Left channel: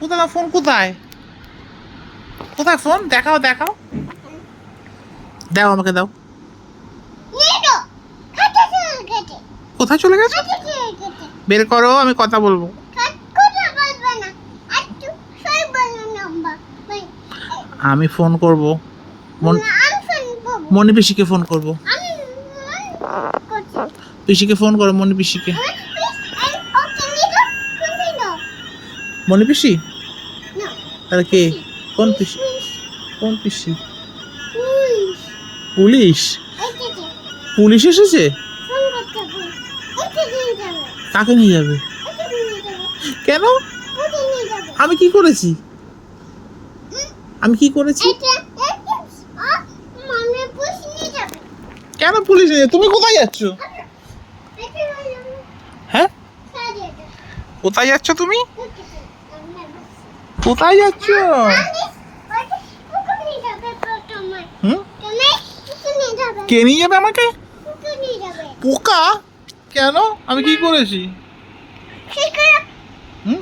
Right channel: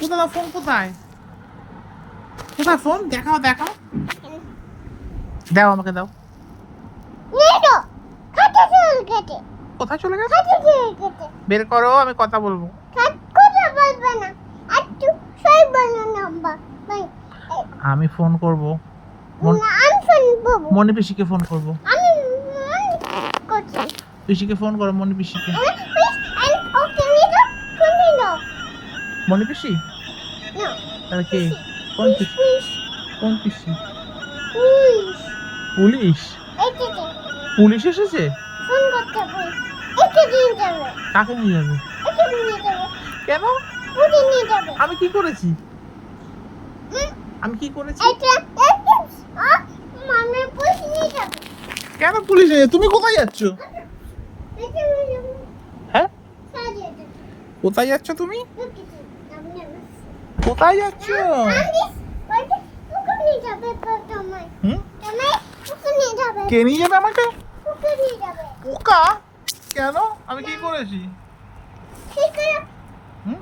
কোথায় ফোন? কোথায় কোথায় ফোন? দেখাও দেখাও, দাও আমাকে দাও। কোথায় চলে গেছে? বের করো, আমি কথা বলবো। আমি ফোন করব, মনি পিসিকে ফোন করব। পিসিকে ফোন করো, মনি পিসিকে। মনি পিসি? তাহলে কে? কোন পিসি? কোন পিসি? পুলিশ? পুলিশ এসেছে? কাকে নিয়ে যাবে? কেন? আমি কি করেছি? আমি কি করেছি? কেন পুলিশ নিয়ে? তুমি কোথায় যাচ্ছ? হ্যাঁ, কোথায় যাচ্ছ তুমি? কোথায় যাচ্ছ? হুম? কে নিয়ে যাবে আমাকে? পোকা? কেন? আমি কি করেছি? হুম?